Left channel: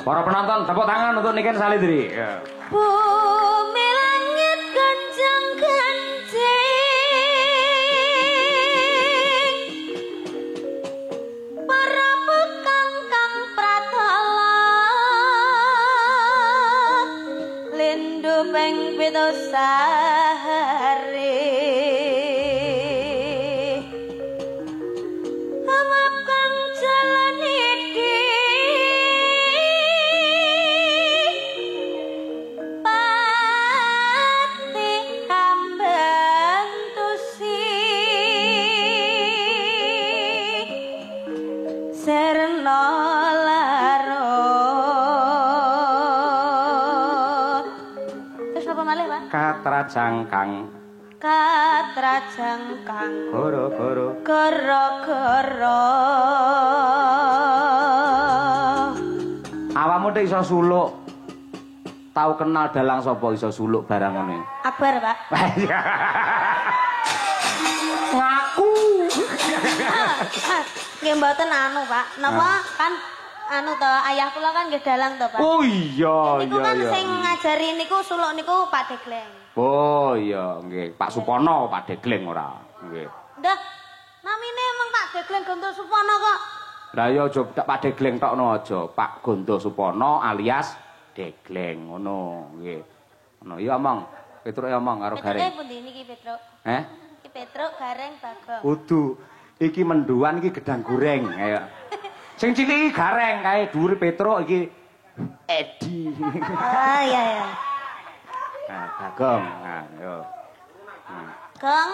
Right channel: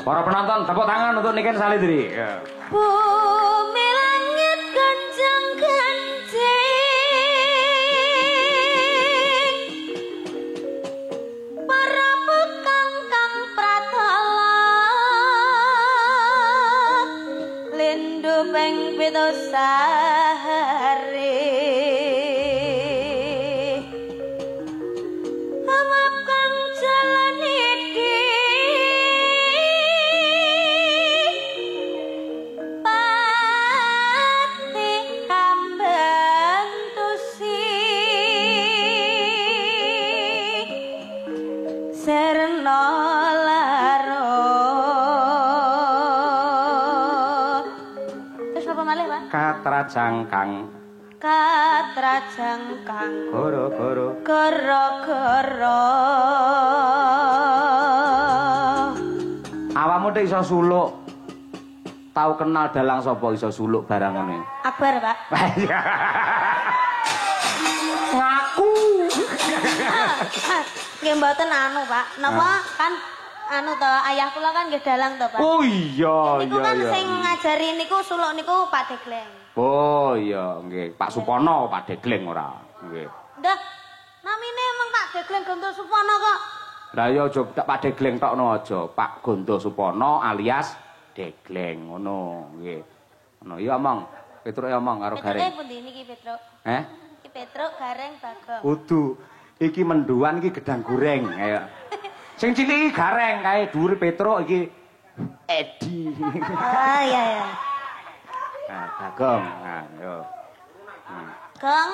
Para penonton tepuk tangan untuk Niken Salindri. Ya. Bumi langit ganjang ganjing para bekang kang pratala lindu ping pitu sahari amap kang jalan iki Katra jangkang goro-goro goro-goro awakmu nek iso suluk tau kenal dalang sapa iso suluk barang ngene Akbar Pak ngaku nggih mboten anu Pak napa kan anu to ayah kula kan nggih dalang to Pak oh iya niku iya kan iya sing ngajari niku suluk niku Pak Degleng oh iya nggih Pak Supono Pak Degleng ora nggih ndak namine emang Pak Degleng Gonto Supono kok lah ya aja Pak Degleng tokno aja Pak Gonto Supono alias Degleng ngono nggih ngono iya omong Petruk ya omong karo Gareng Petruk pundi niki Petruk iki Petruk Gareng Bagong kudu iki menduan iki gedang goreng ayo sing cilik iki Gareng kae dhuwur Petruk iki Edi ah iya ya nah Bagong nah yo Gong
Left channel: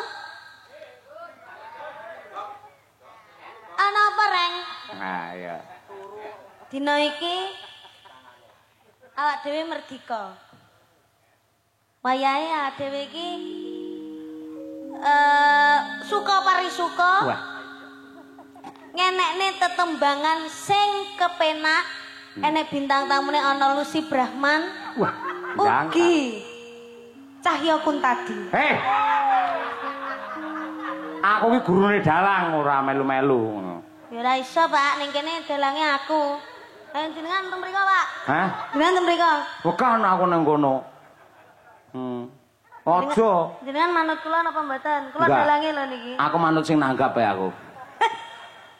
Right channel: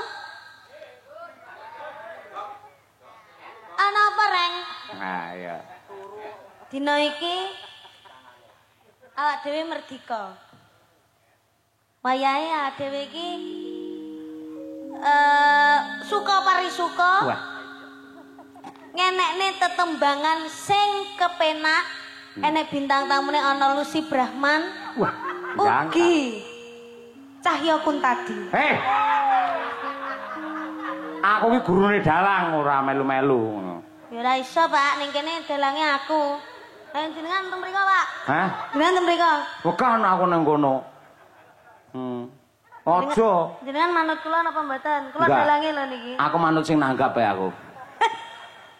ana apa reng nah iya dina iki awak dhewe merdika wayahe awak dhewe iki suka parisuka ngenekne tetembangan sing kepenak enek bintang tamune ana Lucy Brahman wah ugi Cahya Kuntadi aku ki gurune dalang ora melu-melu ngono ya ora iso Pak ning kene dalange aku jenengan teng mriko Pak hah jenengan teng mriko bukan aku nang kono aja jenengan manut kula napa mboten kula dalange lho niki aku manut sing nanggap ae aku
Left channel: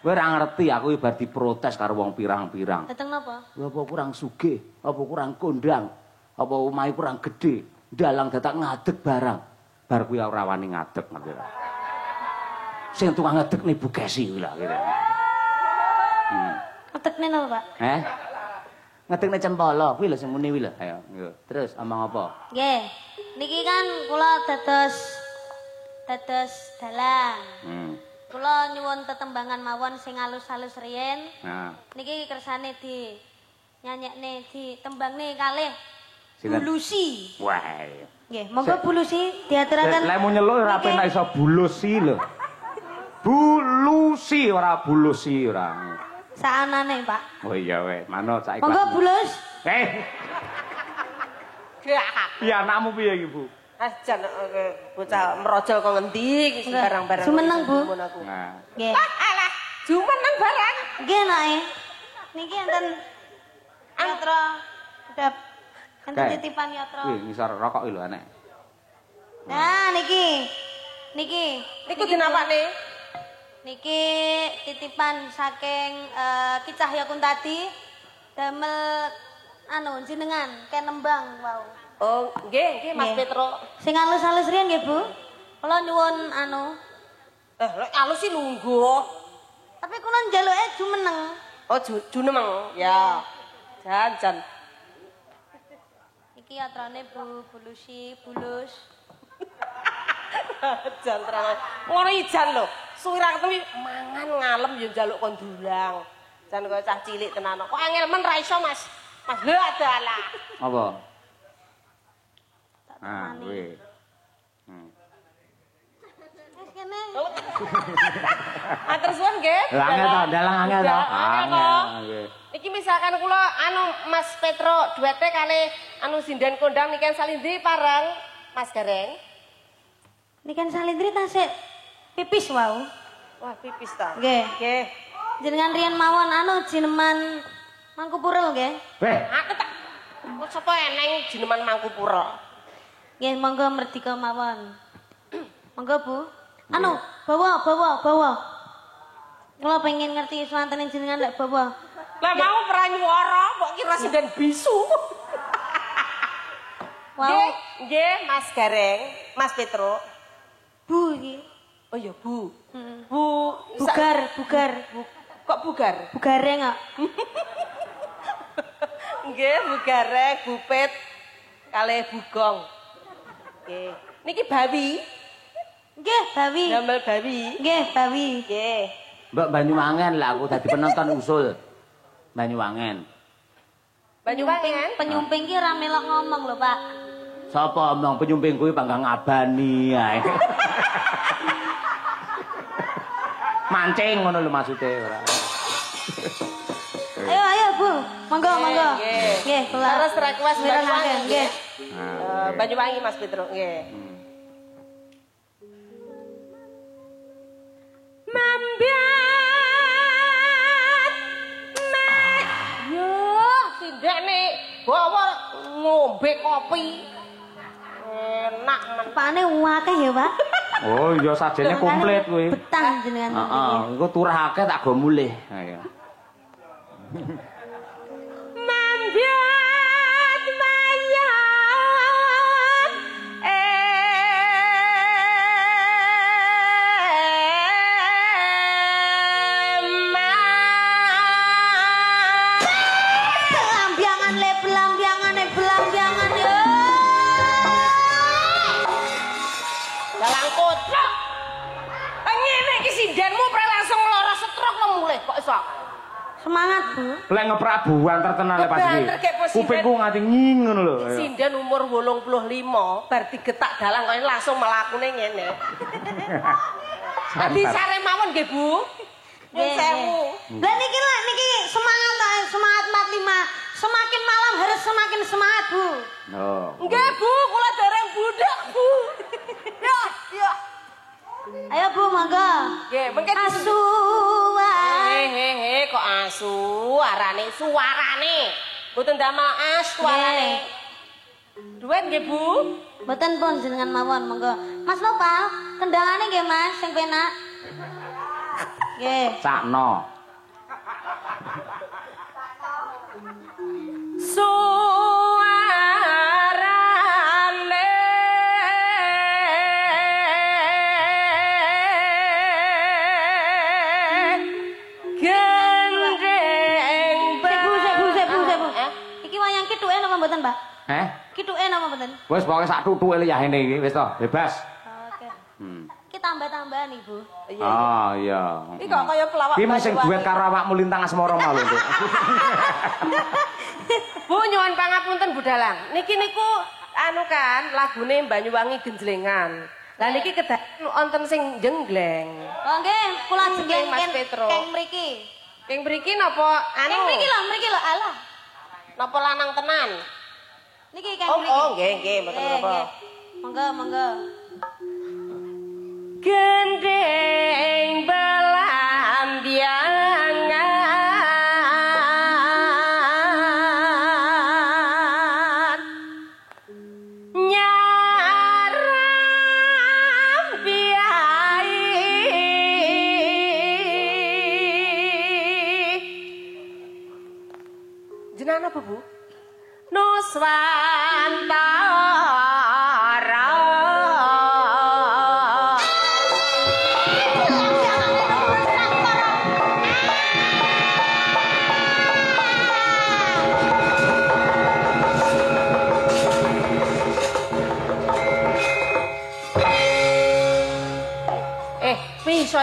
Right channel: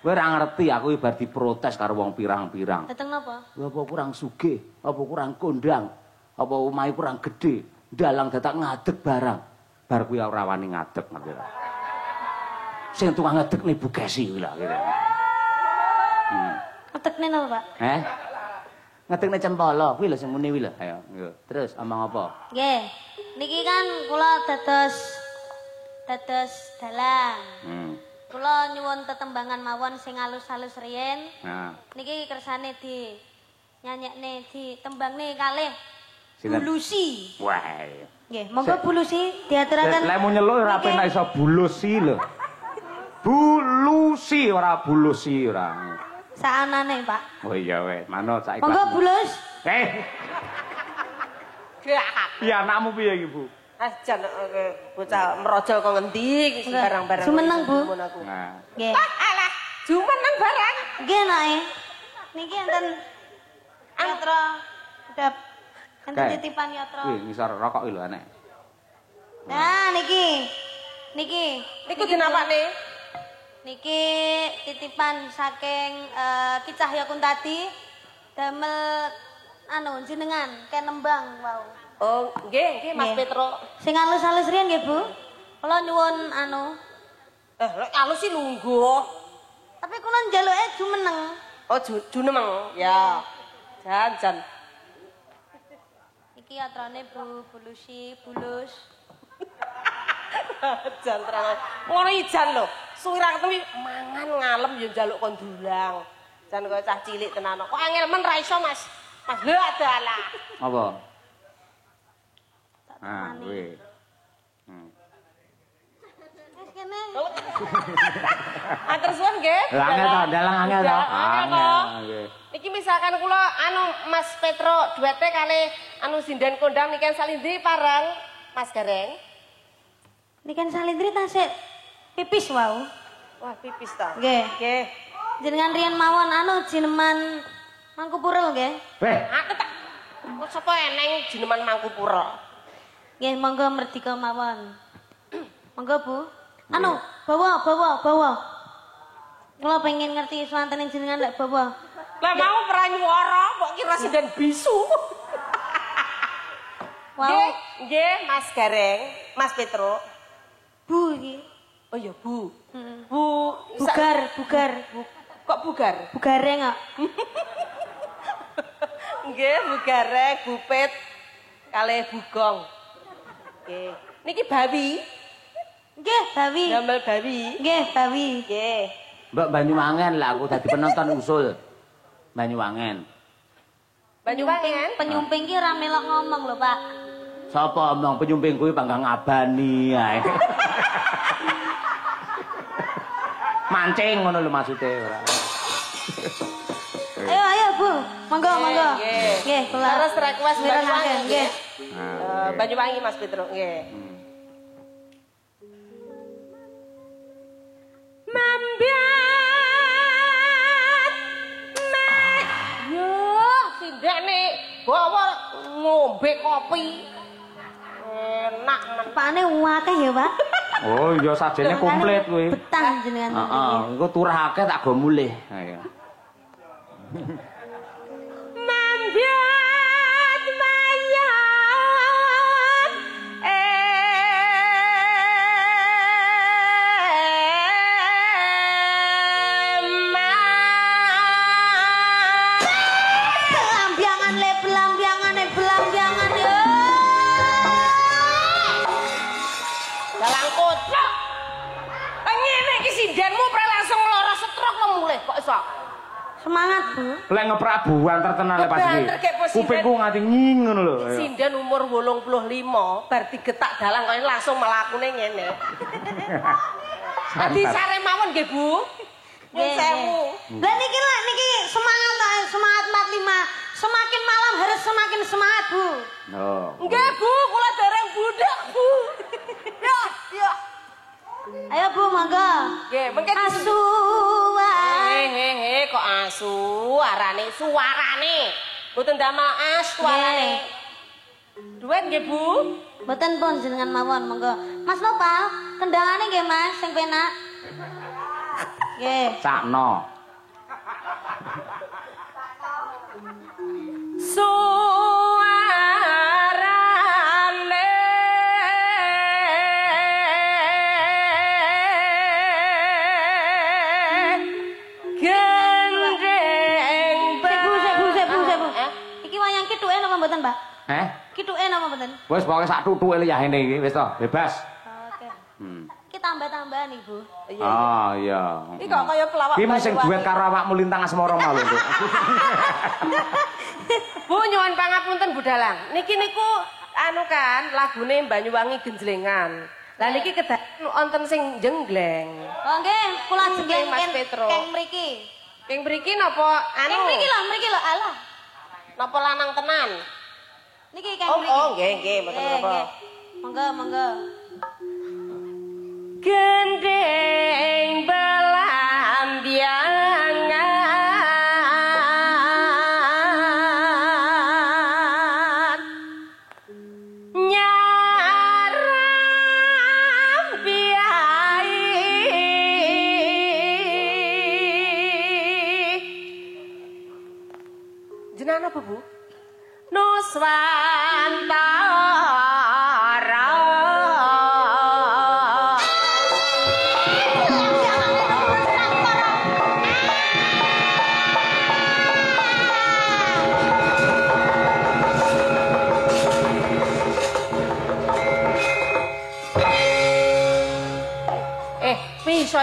kowe ora ngerti aku ibar diprotes karo wong pirang-pirang dateng napa apa kurang sugih apa kurang kondang apa omahe kurang gedhe dalang dadak ngadeg barang bar kuwi ora wani ngadeg ngerti ora sing tukang ngedekne Bu Kesi kuwi lho kira ngadekne napa Pak ngedekne cempala kuwi lho sing muni kuwi lho ayo terus omong apa nggih niki kan kula dados dalang kula nyuwun tetembangan mawon sing halus-halus riyen. Nah. Niki kersane di nyanyekne di tembangne kalih Bulusi. Wah. Nggih, monggo Bulusi diaturaken. Lek mu nyeluk ora penak iso Bulusi lho. Bulusi ora Bulusi ora. Saanane, Pak. Oh iya weh, manut saiki. Monggo Bulus. Iya anakmu piye iki, Bu? Jan bocah merojol kok ngendi iki barang-barang. Sumeneng, Bu. Nah. Nggih. Alah, jumeneng barang. Nggih, Nake. Niki enten yatra dap enten titipan yatra. Wih, ngisor rokok iki lho anek. Nah, niki. Niku dinapakne? Niki titipan saking Ki Cahya Kuntadi damel anu jenengan kenembang wau. Oh, nggih, Mas Petro. Sing halus-halus riyen nggih, Bu. Kula nyuwun anu. Lek halus sih lungguh. Tapi kula njaluke jumeneng. Oh, junemeng. Ya. Jan. Iki yatrane Bu Bulusi, Bulus. Jan terang. Ngono ijan lho. Suwirang kuwi mangan ngalem ya njaluk kon dulang. Jan kok cah cilik tenan. Kok angel men ra iso, Mas. Mas lho adalah. Apa? Ah, weh. Wis kene. Atur suwun nggih. Angel to, dalang angel to. Angel. Iki misalkan kula anu Mas Petro duete kali anu sinden kondang Niken Salindri parang Mas Gareng. Niken Salindri tasik pipis wau. Wah, pipis ta. Nggih. Nggih. Jenengan riyen mawon anu jineman Mangkupura nggih. Aku tak sapa eneng jineman Mangkupura. Nggih, monggo merdika mawon. Monggo, Bu. Anu, bawa. Kula pengen ngerti swanten jenengan lek bawa. Lah mau pranyuwara kok kira sinden bisu. Wow. Nggih, Mas Gareng, Mas Petro. Bu iki. Oh ya, Bu. Bu Bugar. Kok bugar? Bugareng kok. Nggih, Bu Gareng, Bu Pet, kalih Bugong. Nggih. Niki Bawi. Nggih, Bawi. Damel Bawi. Nggih, Bawi. Nggih. Mbak Banyuwangen lah aku dadi penonton usul. Banyuwangen. Banyuwangen. Penyumping ki ora melok ngomong lho, Pak. Sapa omong penyumping kuwi panggang ngabani ae. Mancing ngono lho maksude ora. Ayo, Bu. Monggo. Nggih. Nggih, kula. Terus request Banyuwangen. Nggih. Banyuwangi Mas Petro, nggih. Mambiat mek yo sindene bawa ngombe kopi enak men Pakane akeh ya, Pak. Oh iya sajene komplit kuwi. Betah jenengan. Heeh, engko turahake tak go mulih. Ayo. Mambiat mayat belambiangan yo. Dalang kocok. Ngene iki sindenmu pre langsung lara stroke lo mulih kok iso. Semangat, Bu. Lek ngeprabuan terkenal pas iki. Kebanter kayak posisi. Kupingku nganti nging ngono lho. Sinden umur 85 bar digetak dalang kok langsung mlakune ngene. Adi sare mawon nggih, Bu. Nyun sewu. Lah niki semangat 45. Semakin malam harus semakin semangat, Bu. Oh. Nggih, Bu, kula dereng budak, Bu. Ya. Ayo, Bu, monggo. Nggih, mengke Asuhan. kok asu arane suarane. Mboten damel as suarane. Duet nggih, Bu. Mboten pun jenengan mawon, monggo. Mas Nopal, kendangane nggih, Mas, sing penak. Nggih. Sakno. Suarane gendeng Sebu. Iki wayang kituke napa mboten, Pak? Kituke napa mboten? Wis pokoke sak tutuke liyane iki wis to, bebas. Oke. Iki tambah-tambahan, Ibu. Oh iya. Iki kok kaya pelawak. Ki sing duet karo awakmu Lintang Asmara mau lho. Bu nyuwun pangapunten Bu Dalang. Niki niku anu kan lagune Banyuwangi Genjlengan. Lah niki kedaden wonten sing jenggleng. Oh nggih, kula jenggeng Mas Petro. keng mriki. Keng mriki napa anu? Keng mriki lho, alah. Napa lanang tenan? Niki keng mriki. Oh, nggih, mboten napa. Monggo. Gendeng belambiangan nyaram biai jenengan apa Bu? Nuswantara.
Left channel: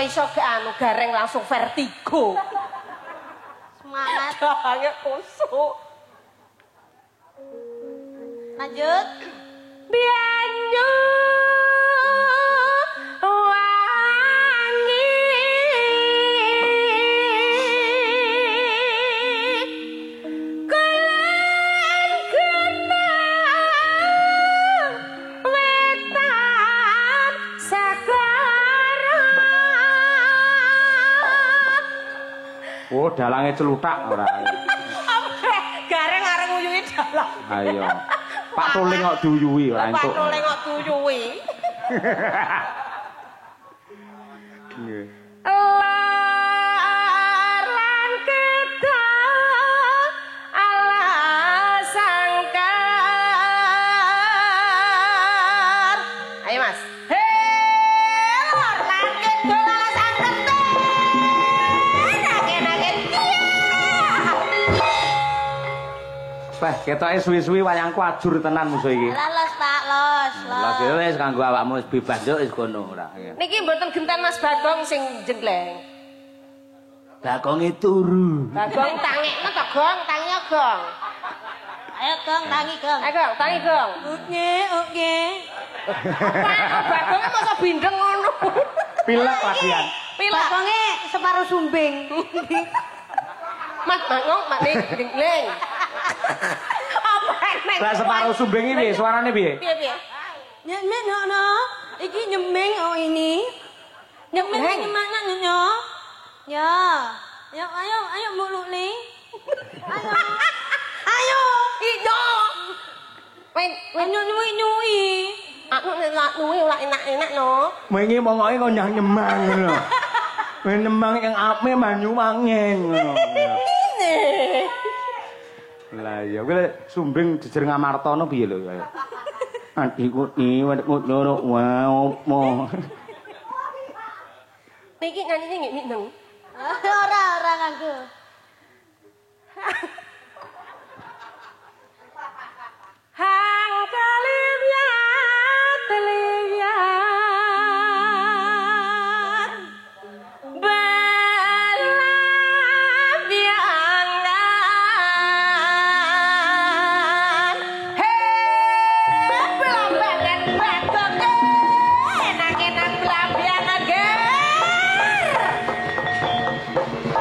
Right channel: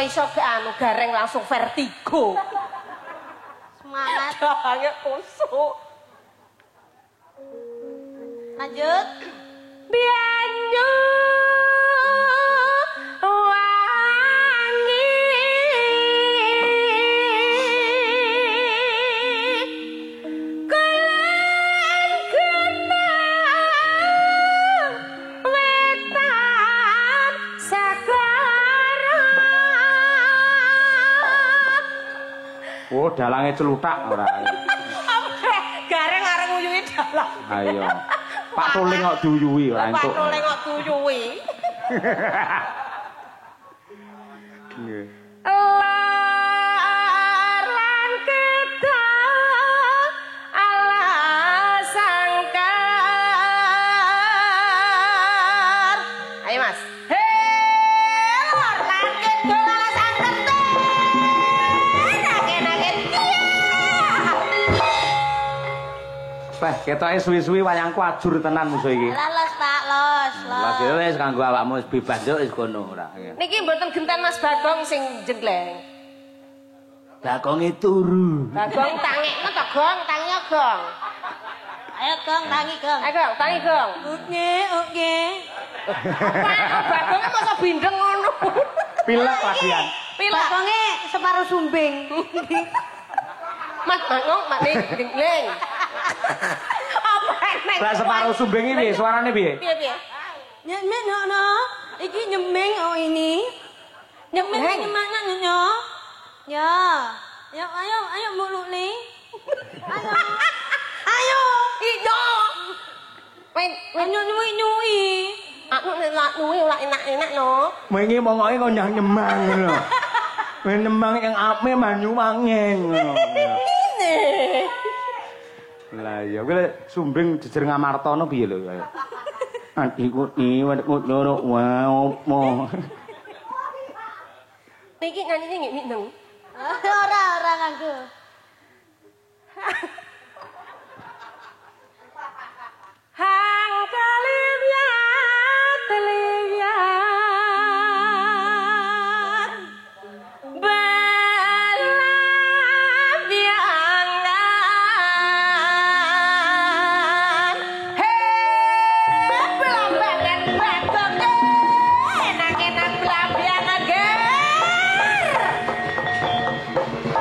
Iso ke anu Gareng langsung vertigo. Semangat. Dahange kusuk. Lanjut. Bianyu wangi kulan kenang wetan Sagara. Oh, dalange celutak ora. Apa jalan. Ayo. Pak Tuling kok duyuwi ora Pak entuk. Tuling kok duyuwi. Nggih. Laran kita ala sangkar. Ayo Mas. Laran kita ala sangkar. Nake-nake Wah, ketoke suwi-suwi wayangku ajur tenan musuh iki. Los Pak, los. Lah wis kanggo awakmu wis bebas yo wis kono ora. Niki mboten genten Mas Bagong sing jenggleng. Bagonge turu. Bagong tangekno to, Gong, tangi Gong. Ayo Gong, tangi Gong. Ayo Gong, tangi Gong. Oke. Bagongnya masa bindeng ngono. Pilek lagian. Pilek. Bagonge separuh sumbing. Mas Bagong mak ning jenggleng. Apa nek? Lah separuh sumbing iki suarane piye? Piye? Nyemeng no. Iki nyemeng oh ini. Nyemeng mana nyo? Ya. Ya ayo muluk nih. Ayo. Ijo. Wen Nyui. aku nek nyuwi ora enak-enak no. Wingi mongoke kok nyang nyemang ngono. Wis nyemang yang ape manyu mangeng ngono. Lah ya kuwi sumbing jejer Ngamartana piye lho kaya. Adikku ni ngono wae opo. Niki nyanyinya nggih mineng. Ora nganggo. Hang kaliwat belambiangan. Hei belambangan Bagong enak-enak belambiangan ger.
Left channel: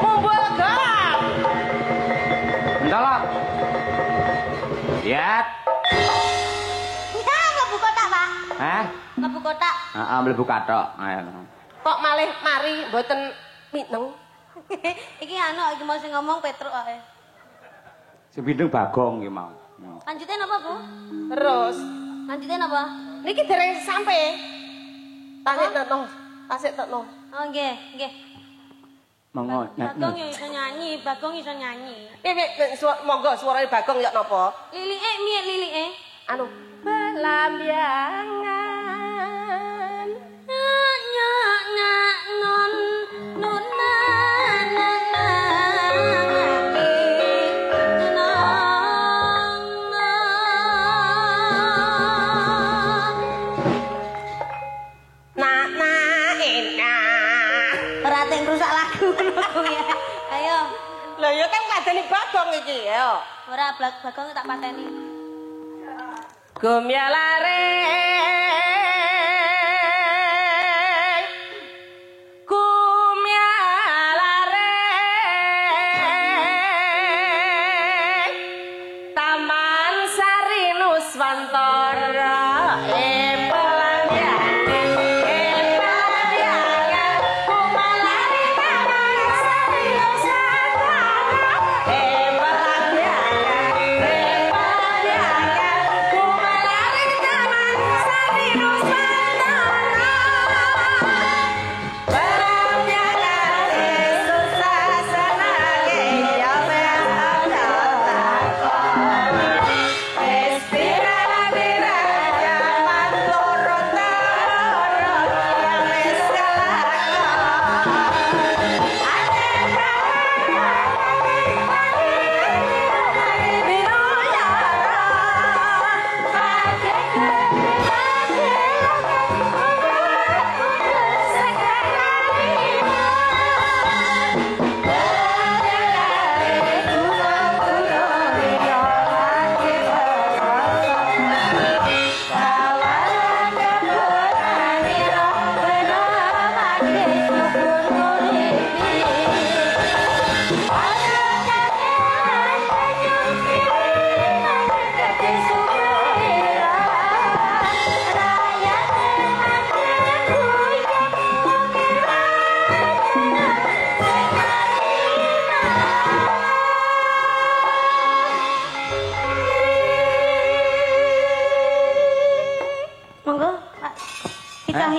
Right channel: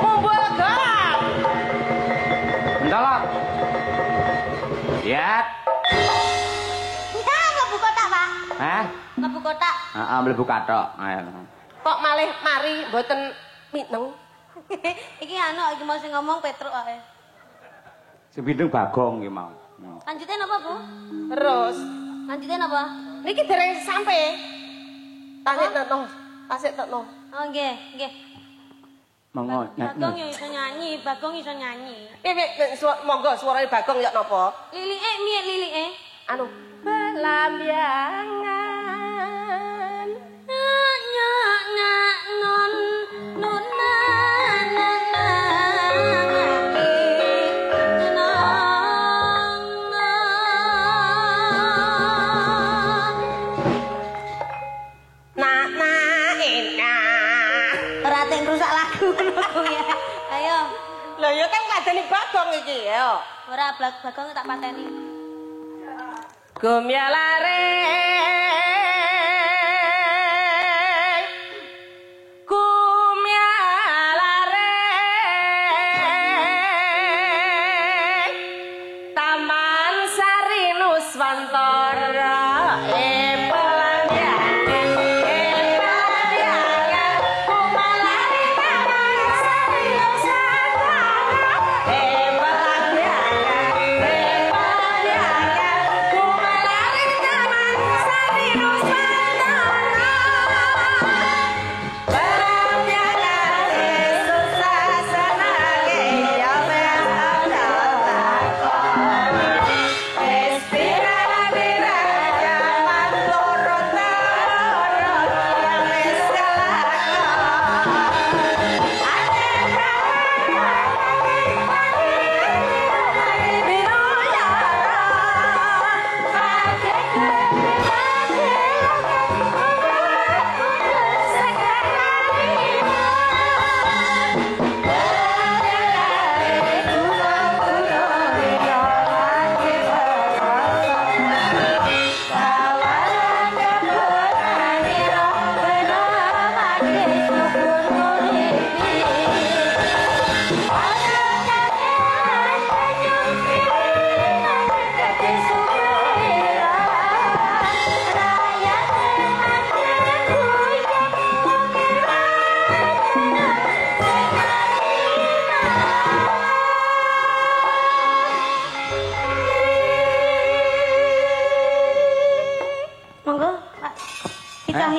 Mumbul Gong. Ndalok. Lihat. Ya mlebu kotak, Pak. Hah? Mlebu kotak. Heeh, mlebu kathok. Ayo. Kok malih mari mboten mineng? Iki iki mau sing ngomong Petruk ae. Sing bindeng Bagong iki mau. Lanjutin apa, Bu? Terus Lanjutin apa? niki dereng sampe. Tasik tekno. Oh nggih. Monggo. Bagong yo iso nyanyi, Bagong iso nyanyi. Piye monggo suarane Bagong ya napa? Lilike miye lilike? Anu belambiangan. Nyak non nona ora teng rusak lagu ngono ya. Ayo. Lah ya kan kadene Bagong iki ya. Ora Bagong tak pateni. Gumyalare Taman Sari Nuswantara Sari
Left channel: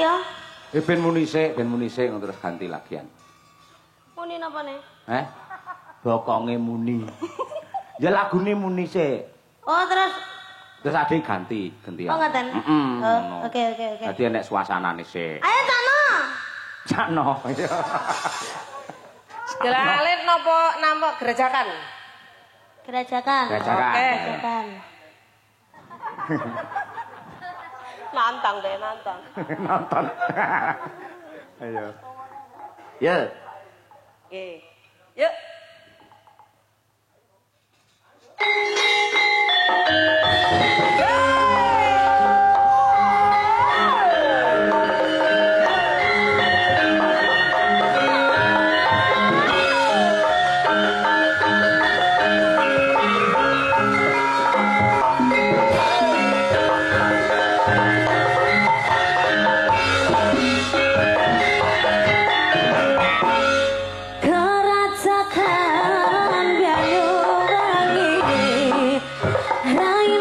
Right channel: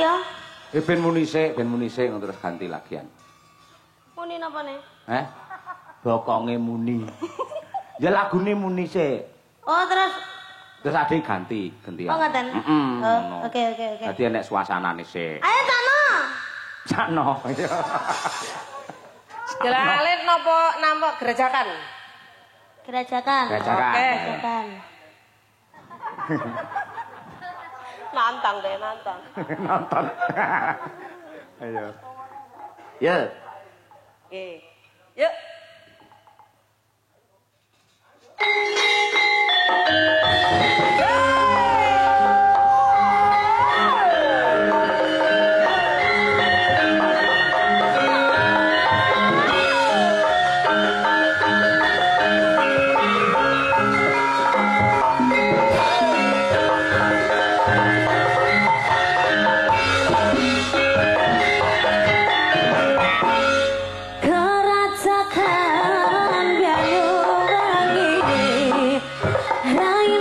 ya? Ben muni sik terus ganti lagian. Muni napa nih? Bokonge muni. Ya lagune muni sik. Oh, terus ade ganti gantian. Oh, ngoten. Oh, oke. Dadi enek suasanane sik. Ayo Cakno. Cakno. Gelalit napa nampa gerejakan? Gerajakan. Oke. Gerajakan. Nantang deh, nantang. Nonton. Ayo. Ya. Oke. Yuk. Gerajakan Banyuwangi Rai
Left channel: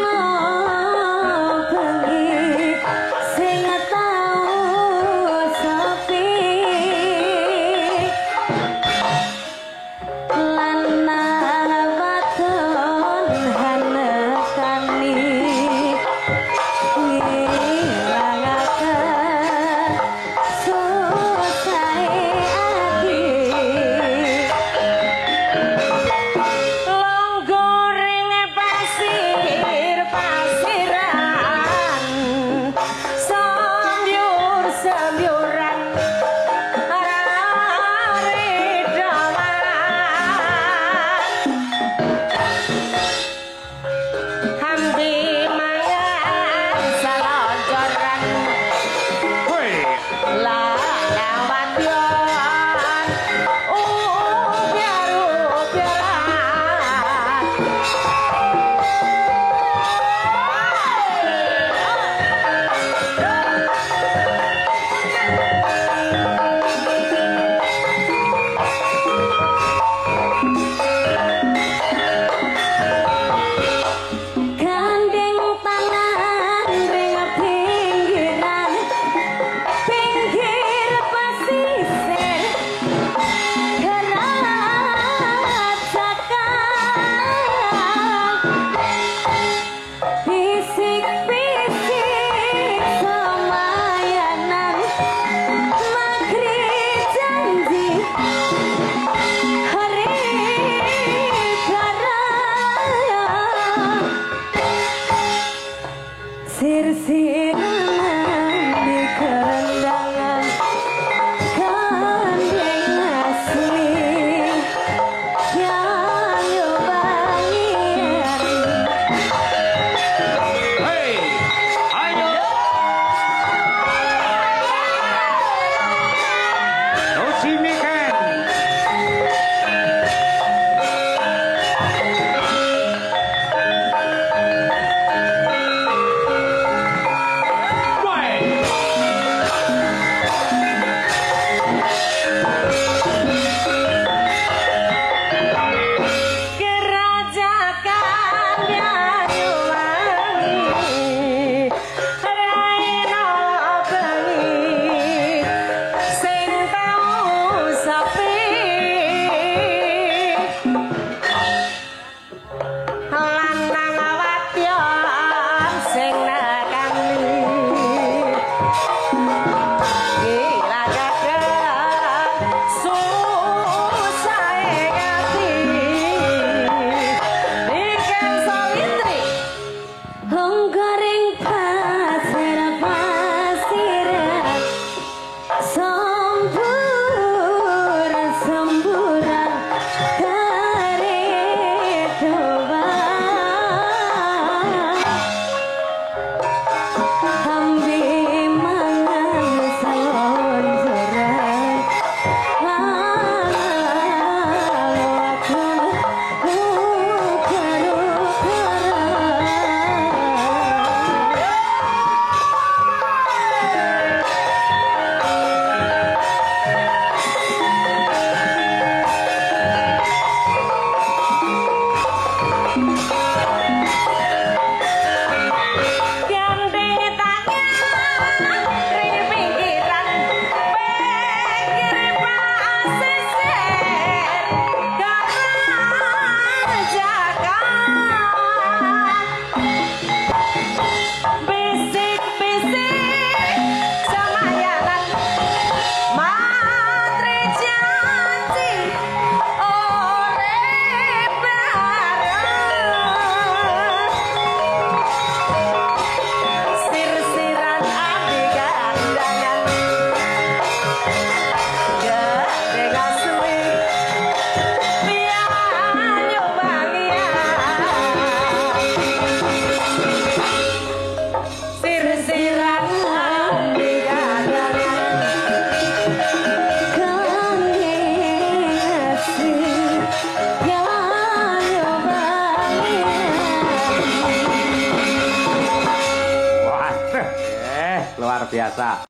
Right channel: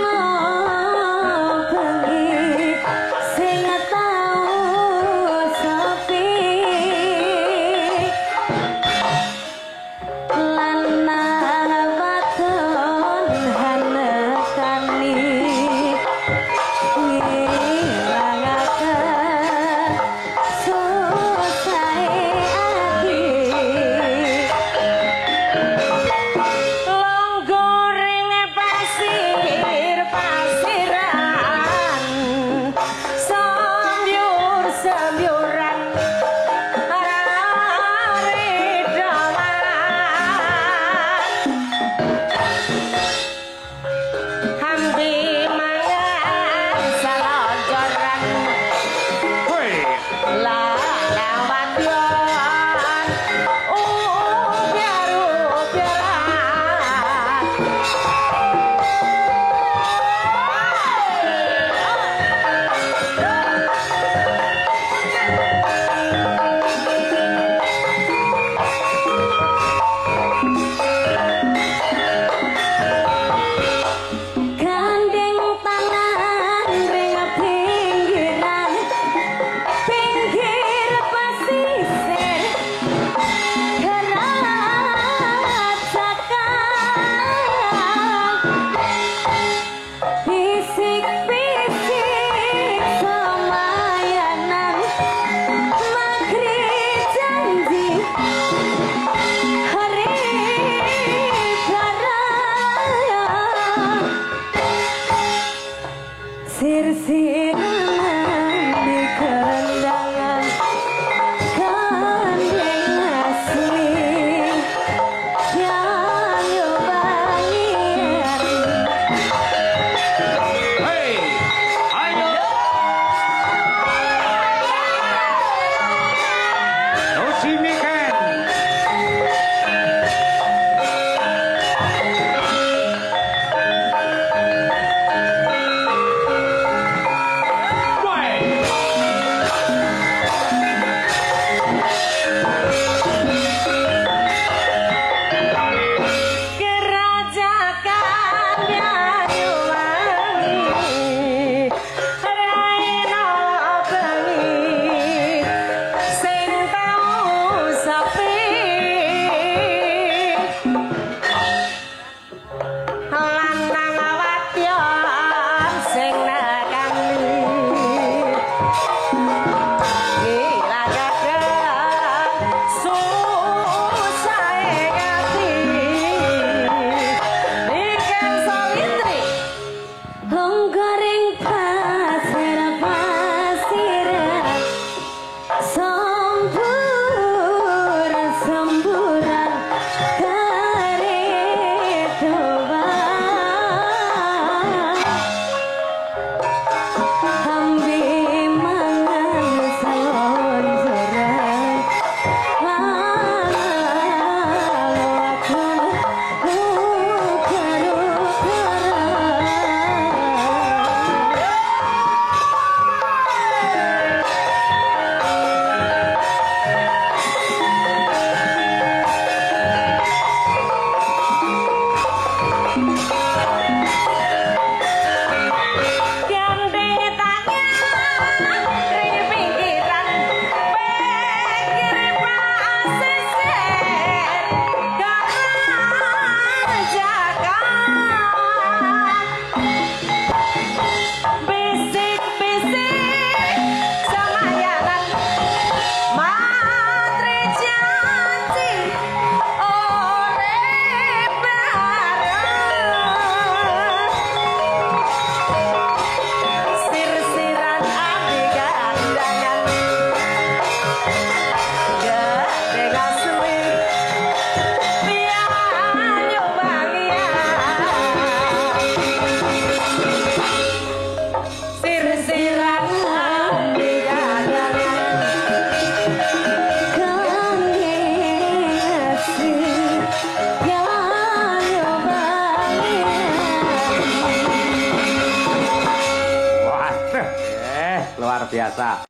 luar biasa.